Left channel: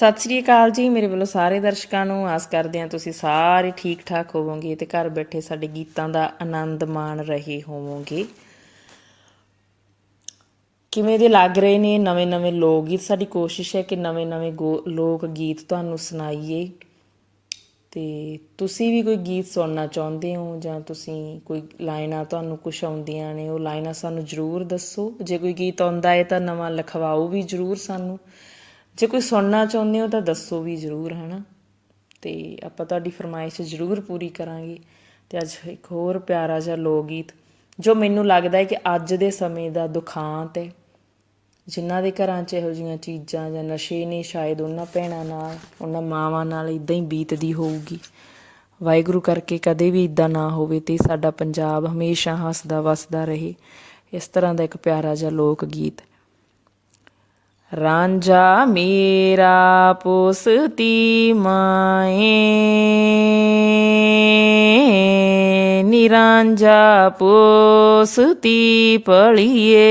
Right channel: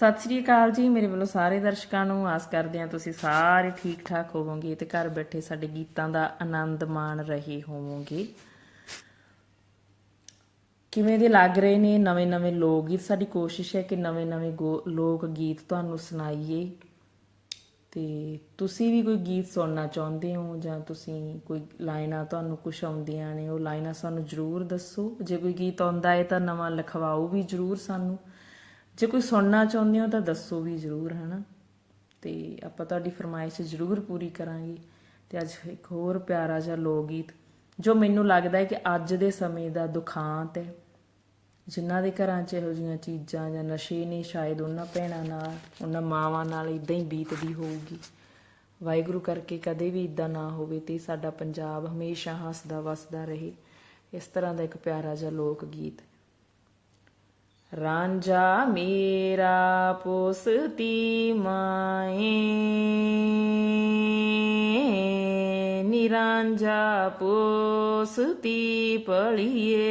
ਸਤਿ ਸ੍ਰੀ ਅਕਾਲ ਜੀ, ਮੇਰੇ ਵੱਲੋਂ ਸਾਰੇ ਦਰਸ਼ਕਾਂ ਨੂੰ ਆਸ ਕਰਦੇ ਹਾਂ ਤੁਸੀਂ ਸਾਰੇ ਠੀਕ ਠਾਕ ਹੋਵੋਗੇ ਤੇ ਘਰ ਬੈਠੇ ਸਾਡੇ ਗੀਤਾਂ ਦਾ ਆਨੰਦ ਮਾਣ ਰਹੇ ਹੋਵੋਗੇ। ਕਿਵੇਂ ਦੇ ਲੱਗ ਰਹੇ ਨੇ ਨਵੇਂ ਨਵੇਂ ਲੋਕ ਗੀਤ ਸਾਡੀ ਕੋਸ਼ਿਸ਼ ਹੈ ਕਿ ਨਵੇਂ ਨਵੇਂ ਲੋਕ ਗੀਤ ਤੁਹਾਨੂੰ ਸੁਣਾਈਏ। ਤੇ ਤੁਸੀਂ ਵੀ ਕੋਈ ਗੀਤ ਸੁਣਨਾ ਚਾਹੁੰਦੇ ਹੋ ਜਾਂ ਤੁਸੀਂ ਕੋਈ ਲਾਈਨਾਂ ਤੁਹਾਨੂੰ ਕੁਝ ਆਉਂਦੀਆਂ ਨੇ, ਉਹ ਲਾਈਨਾਂ ਸਾਨੂੰ ਜ਼ਰੂਰ ਦੱਸੋ। ਜੇ ਕੋਈ ਗੀਤ ਆਉਂਦਾ ਹੈ ਤਾਂ ਨਵਾਂ ਲਿਖਵਾਓ ਵੀ ਜ਼ਰੂਰ ਸਾਨੂੰ। ਜੇ ਕੋਈ ਸੁਣਨਾ ਚਾਹੁੰਦੇ ਹੋ ਤਾਂ ਦੱਸੋ ਵੀ ਜ਼ਰੂਰ, ਹਨਾ? ਤੇ ਆਪਾਂ ਤੁਹਾਡੀ ਫਰਮਾਇਸ਼ ਜ਼ਰੂਰ ਪੂਰੀ ਕਰਾਂਗੇ। ਤੇ ਅੱਜ ਇੱਕ ਹੋਰ ਪਿਆਰਾ ਜਿਹਾ ਲੋਕ ਗੀਤ ਜੋ ਮੈਨੂੰ ਲੱਗਦਾ ਹੈ ਕਿ ਅੱਜ ਦੇ ਸਮੇਂ ਦਾ ਦੁਖਾਂਤ ਹੈ। ਜਿਨ੍ਹਾਂ ਦੇ ਘਰਾਂ 'ਚ ਇਹੋ ਜਿਹੀਆਂ ਚੀਜ਼ਾਂ ਜਾਂ ਨਸ਼ੇ ਨੇ ਸ਼ਾਇਦ ਉਹਨਾਂ ਭੈਣਾਂ ਨਾਲ, ਉਹਨਾਂ ਮਾਵਾਂ ਨਾਲ ਇਦਾਂ ਹੀ ਬੀਤਦੀ ਹੋਊਗੀ। ਵਾਹਿਗੁਰੂ ਕਰਕੇ ਕਦੇ ਵੀ ਇਦਾਂ ਨਾ ਹੋਵੇ ਤੇ ਸਾਡਾ ਪੰਜਾਬ ਹਮੇਸ਼ਾ ਹੱਸਦਾ ਵਸਦਾ ਰਹੇ। ਇਸ ਤਰ੍ਹਾਂ ਦਾ ਇੱਕ ਪਿਆਰਾ ਜਿਹਾ ਲੋਕ ਗੀਤ ਰਾਂਝਾ ਮੇਰਾ ਪੁਸਤੀ ਮਾਏ ਨਿਰਾਂਝਾ ਪੁਸਤੀ ਪਲੀਏ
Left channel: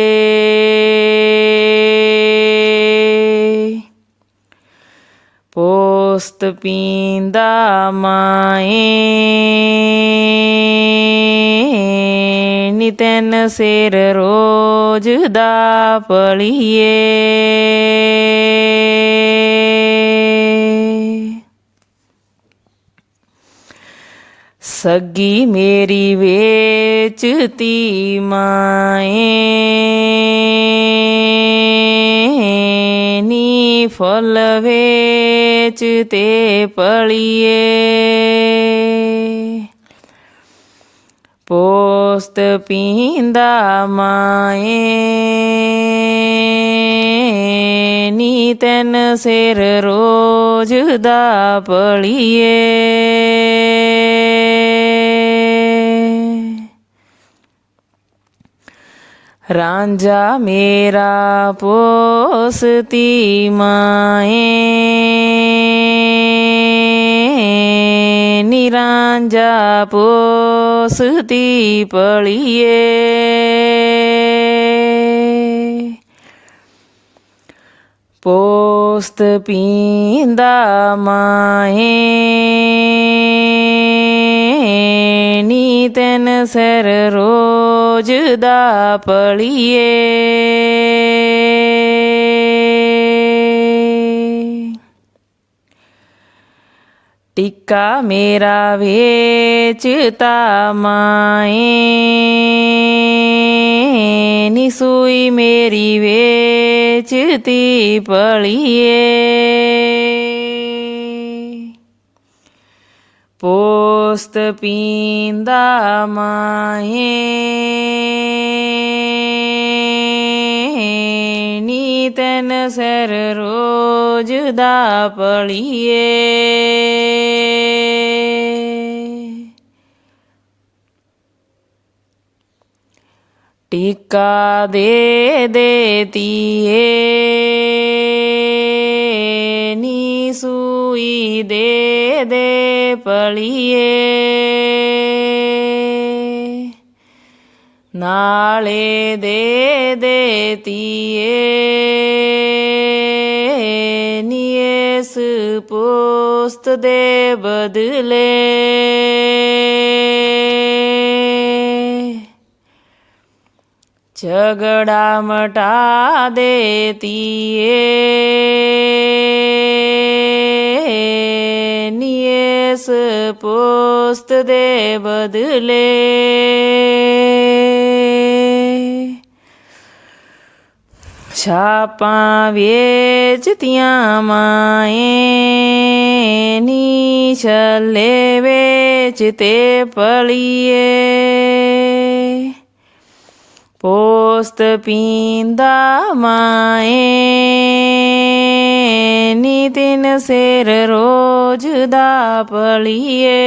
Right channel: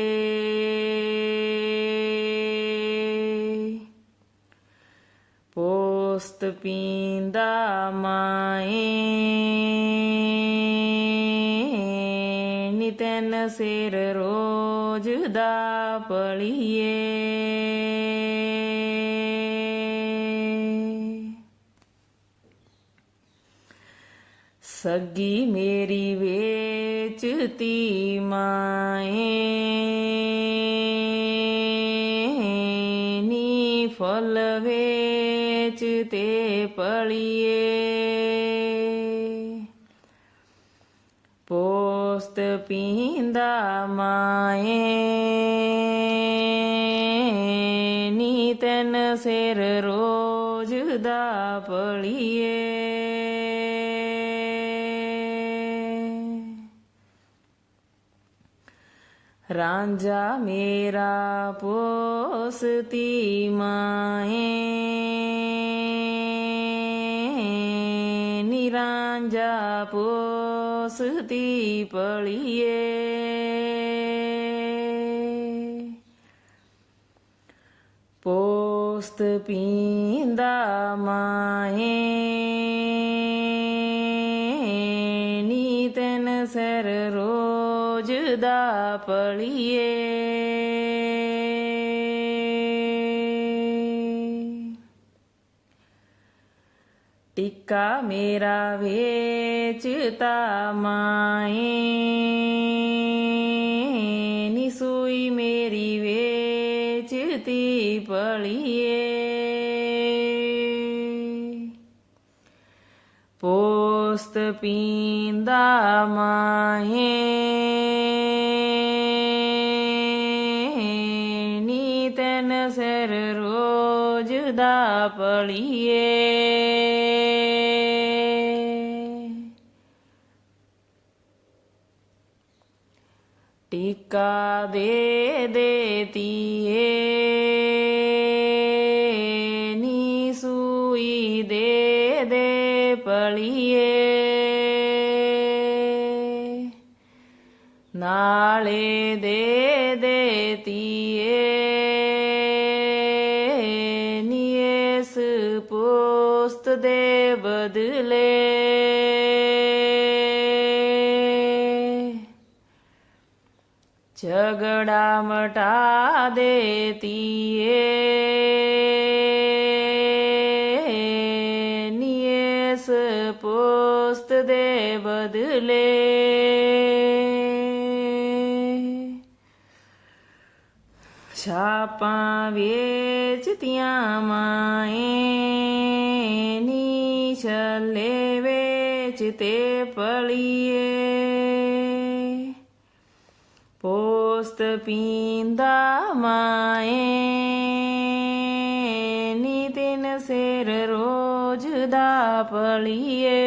ਪੋਸਤ ਪੀਂਦਾ ਮਾਏ ਨਿਤਨ ਸਿਰ ਰੋਜ ਦਾ ਪਲੀਏ ਸੱਗੀ ਮੇਰੀ ਵੇਚਤੀ ਮਾਏ। ਨੀ ਫਲ ਵੇਚ ਤੇ ਪਲੀਏ ਪੋਸਤ ਪੀਂਦਾ ਮਾਏ। ਨੀ ਤਨ ਸਿਰ ਰੋਜ ਦਾ ਪਲੀਏ। ਰਾਂਝਾ ਮੇਰਾ ਪੋਸਤੀ ਮਾਏ। ਨਿਰਾਂਝਾ ਪੋਸਤੀ ਪਲੀਏ ਪੋਸਤ ਪੀਂਦਾ ਮਾਏ ਨੀ ਤਨ ਸਰ ਰੋਜ ਦਾ ਪਲੀਏ ਟਿੱਕਾ ਮੇਰਾ ਵੇਚਤਾ ਮਾਏ। ਨੀ ਸੂਈ ਮੇਰੀ ਵੇਚਤੀ ਪਲੀਏ ਪੋਸਤ ਪੀਂਦਾ ਮਾਏ। ਨੀਤਨ ਸਰ ਰੋਜ ਦਾ ਪਲੀਏ ਟਿੱਕਾ ਦੇ ਦੇਤੀਏ ਨੀ ਸੂਈ ਦੇ ਦੇ ਪਲੀਏ ਨਾਲੇ ਦੇ ਦੇਤੀਏ ਨੀ ਇਸ ਪੋਸਤ ਦੇ ਬਦਲੇ। ਝਗੜਾ ਮਟਾ ਦੇਤੀਏ ਨੀਸ ਪੋਸਤ ਦੇ ਬਦਲੇ ਛਾਪਾਂ ਵੇਚਤੀਆਂ ਮਾਏ ਨੀ ਛੱਲੇ ਵੇਚ ਤੇ ਪਲੀਏ ਪੋਸਤ ਪੀਂਦਾ ਮਾਏ ਨੀ ਤਿਨ ਸਿਰ ਰੋਜ ਦਾ ਪਲੀਏ।